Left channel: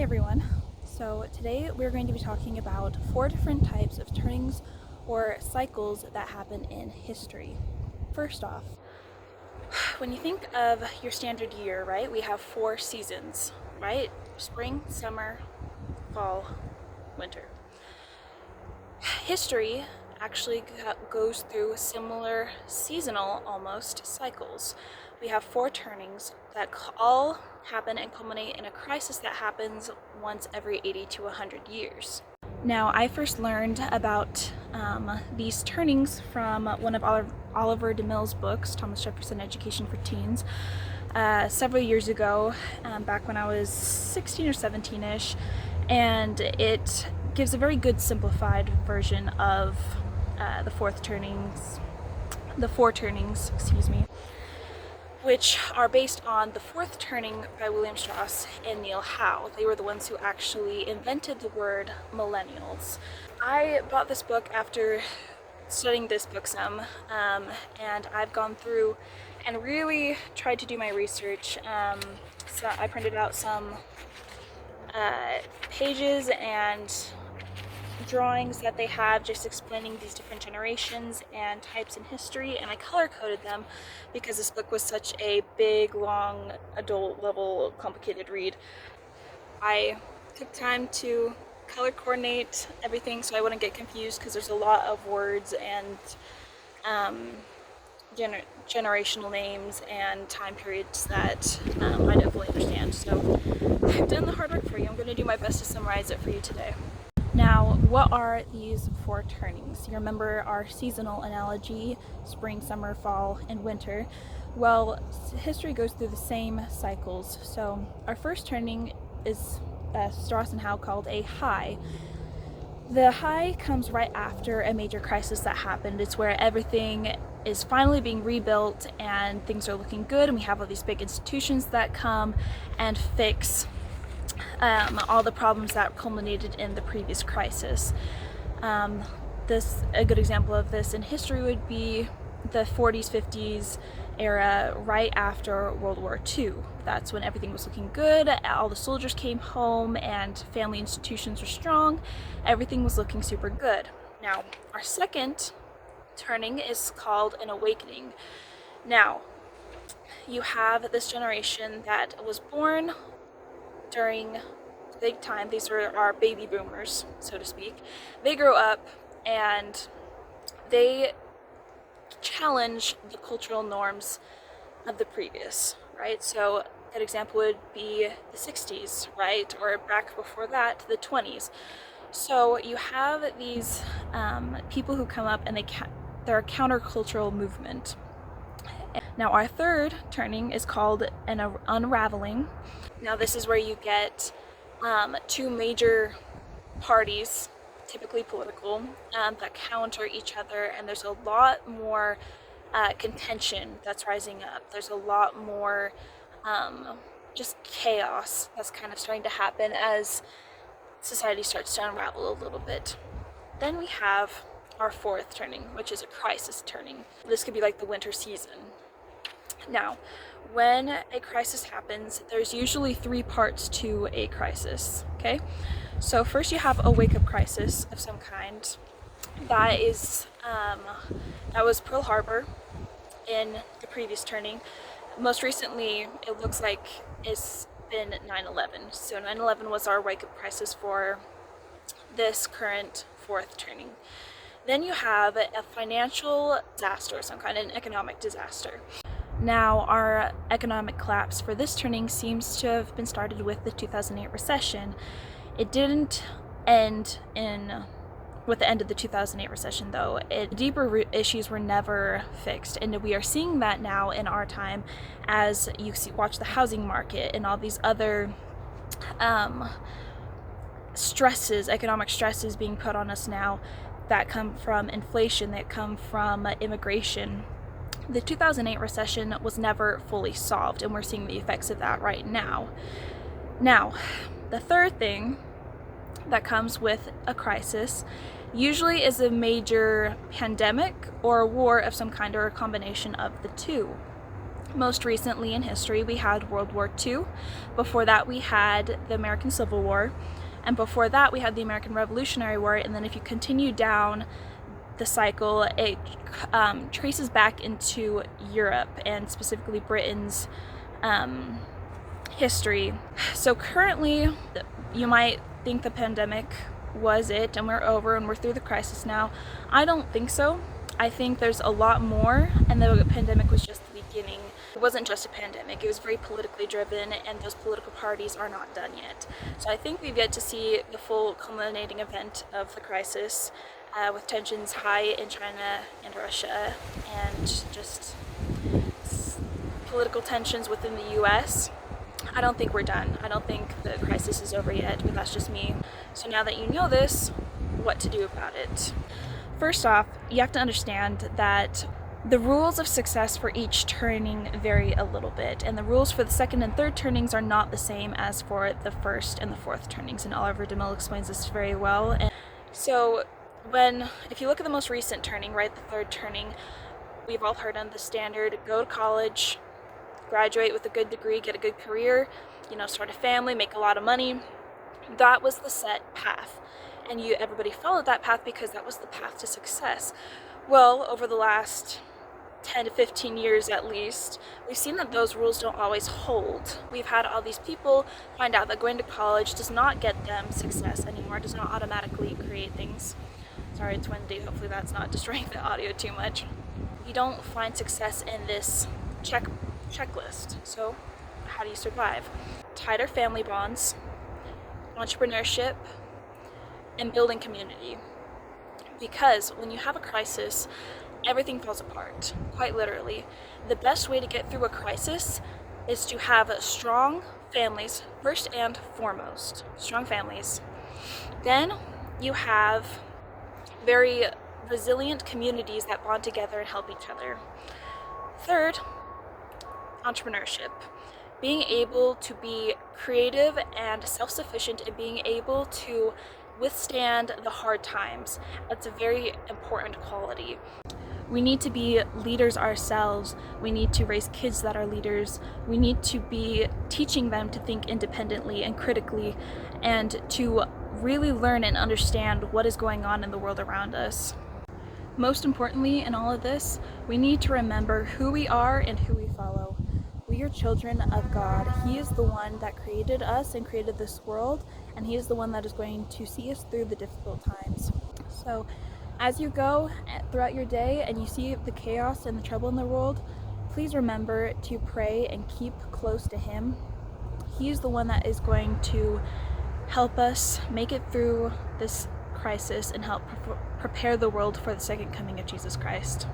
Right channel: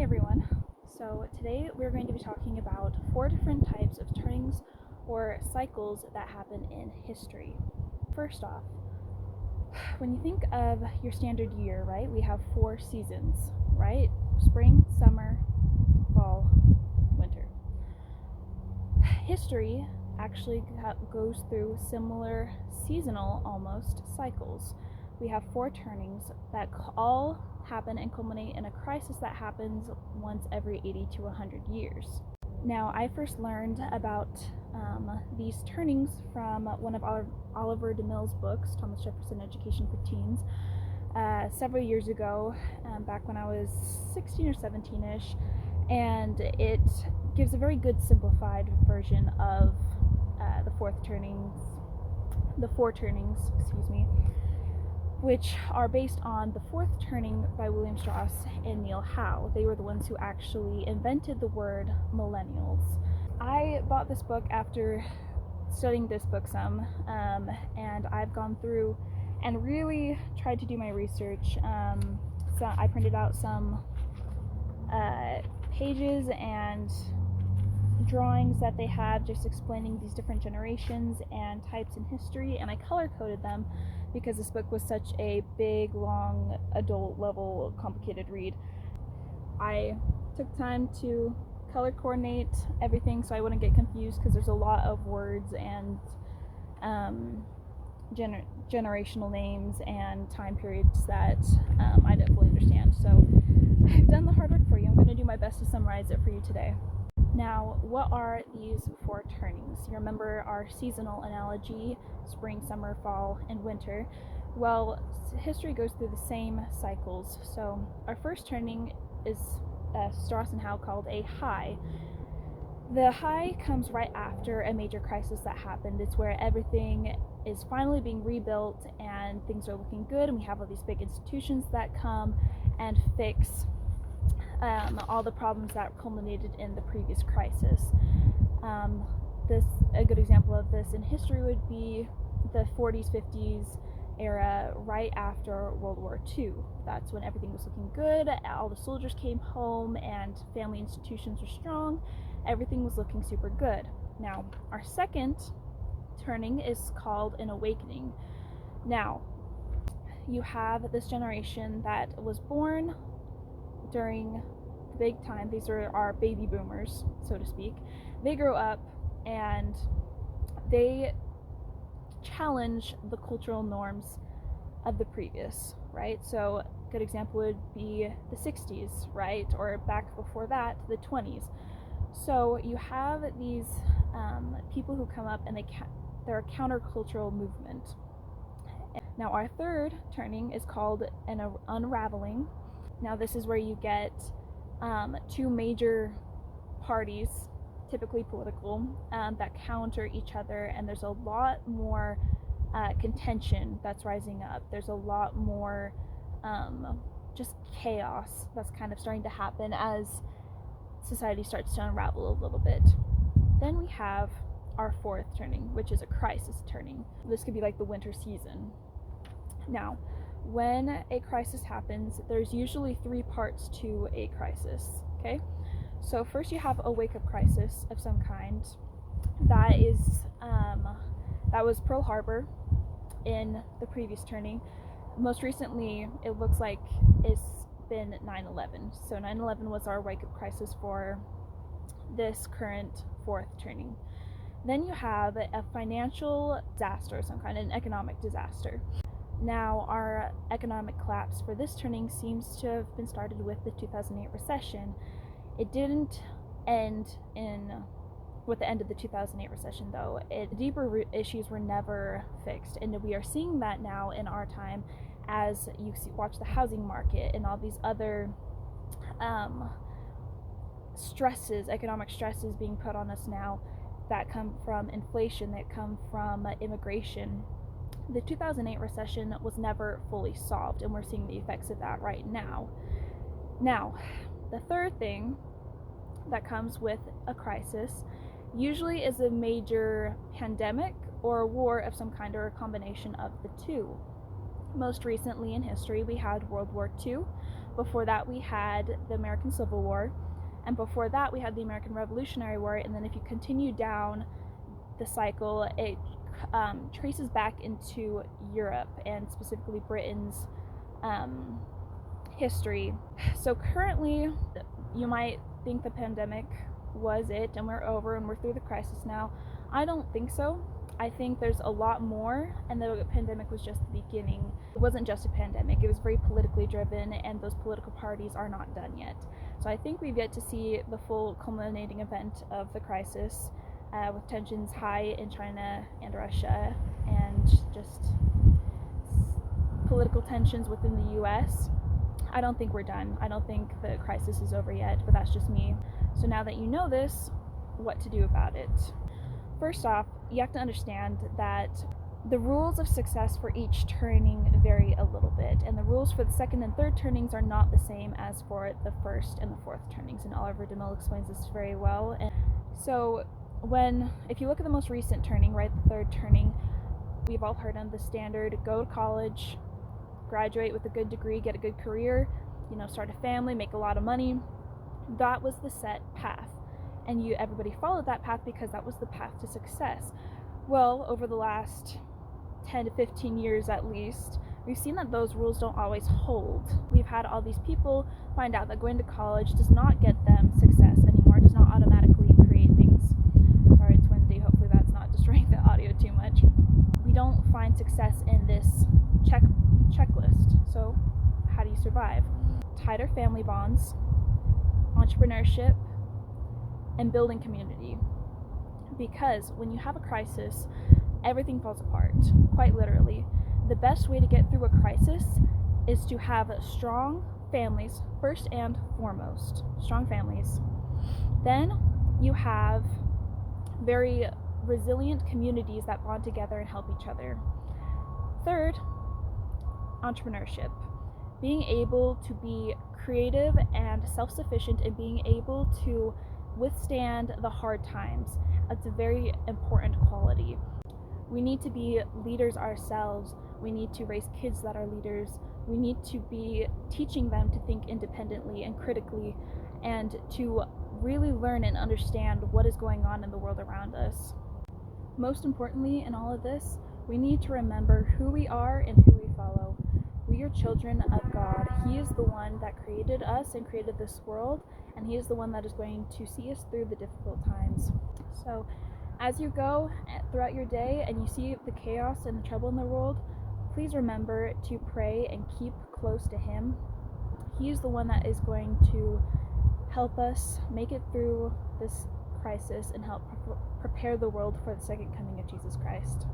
Hey everyone. So today we're going to be talking about 4 different types of turnings or cycles that happen in history. First off, when you think of your standard year, right, we have 4 seasons, right? Spring, summer, fall, winter. History actually goes through similar seasonal almost cycles. We have 4 turnings that all happen and culminate in a crisis that happens once every 80 to 100 years. Now, I first learned about these turnings from one of Oliver deMille's books, Thomas Jefferson Education for Teens, several years ago, back when I was 16 or 17-ish, and it gives a very good simplified version of the four turnings, which are based on the fourth turning by William Strauss and deMille Howe. They were the ones who actually invented the word millennials. I bought this book after studying this book some, and I've gone through and really tried to do my research. So I printed out some pages and drawings that they have just explaining these different generations and types in history, and I color-coded them because this book was such a big, long, adult level, complicated read. I took time to color coordinate everything so I wouldn't get confused, because there's a lot of words and generational names and time periods that I don't fully understand. So I've done the hard work for you. I'm going to do my best to summarize it for you today. Now, what are these 4 turnings? You remember our seasonal analogy, spring, summer, fall, and winter. Well, history goes through the same cycles. So our first turning is Strauss and Howe called a high. The high comes right after a major crisis that happened. It's where everything is finally being rebuilt and things are looking good, and we have all these big institutions that come and fix all the problems that culminated in the previous crisis. A good example of this in history would be the 40s, 50s era right after World War II. That's when everything was looking good, all the soldiers came home and family institutions were strong, everything was looking super good. Now, our second turning is called an awakening. Now, you have this generation that was born during the big time. These are our baby boomers, so to speak. They grow up and they challenge the cultural norms of the previous, right? So a good example would be the 60s, right? Or back before that, the 20s. So you have these people who come up and they're a countercultural movement. Now, our third turning is called an unraveling. Now, this is where you get 2 major parties, typically political, that counter each other, and there's a lot more contention that's rising up. There's a lot more just chaos that's kind of starting to happen as society starts to unravel a little bit. Then we have our fourth turning, which is a crisis turning. This could be like the winter season. Now, when a crisis happens, there's usually 3 parts to a crisis, okay? So first you have a wake-up crisis of some kind. That was Pearl Harbor in the previous turning. Most recently, it looks like it's been 9/11. So 9/11 was our wake-up crisis for this current 4th turning. Then you have a financial disaster of some kind, an economic disaster. Now, our economic collapse for this turning seems to have been started with the 2008 recession. It didn't end with the end of the 2008 recession, though. Deeper issues were never fixed, and we are seeing that now in our time as you watch the housing market and all these other economic stresses being put on us now that come from inflation, that come from immigration. The 2008 recession was never fully solved, and we're seeing the effects of that right now. Now, the third thing that comes with a crisis usually is a major pandemic or a war of some kind, or a combination of the two. Most recently in history, we had World War II. Before that, we had the American Civil War. And before that, we had the American Revolutionary War. And then if you continue down the cycle, it traces back into Europe and specifically Britain's history. So currently, you might think the pandemic was it and we're over and we're through the crisis now. I don't think so. I think there's a lot more, and the pandemic was just the beginning. It wasn't just a pandemic, it was very politically driven, and those political parties are not done yet. So I think we've yet to see the full culminating event of the crisis, with tensions high in China and Russia, and just political tensions within the US. I don't think we're done. I don't think the crisis is over yet, but that's just me. So now that you know this, what to do about it? First off, you have to understand that the rules of success for each turning vary a little bit, and the rules for the second and third turnings are not the same as for the first and the fourth turnings, and Oliver deMille explains this very well. And so if you look at the most recent turning, right, the third turning, we've all heard on the standard: go to college, graduate with a good degree, get a good career, start a family, make a lot of money. That was the set path. And everybody followed that path because that was the path to success. Well, over the last 10 to 15 years at least, we've seen that those rules don't always hold. We've had all these people find out that going to college does not get them success anymore, does not automatically create things. Sorry, it's windy, hopefully that's not destroying the audio too much. You don't find success in this checklist. So how do you survive? Tighter family bonds, entrepreneurship, and building community. Because when you have a crisis, everything falls apart, quite literally. The best way to get through a crisis is to have strong families, first and foremost. Strong families. Then you have very resilient communities that bond together and help each other. Third, entrepreneurship. Being able to be creative and self-sufficient and being able to withstand the hard times. That's a very important quality. We need to be leaders ourselves. We need to raise kids that are leaders. We need to be teaching them to think independently and critically, and to really learn and understand what is going on in the world around us. Most importantly in all of this, we need to remember who we are and who we follow. We are children of God. He is the one that created us and created this world, and He is the one that is going to see us through the difficult times. So as you go throughout your day and you see the chaos and the trouble in the world, please remember to pray and keep close to Him. He is the one that is going to help us make it through this crisis and help prepare the world for the second coming of Jesus Christ.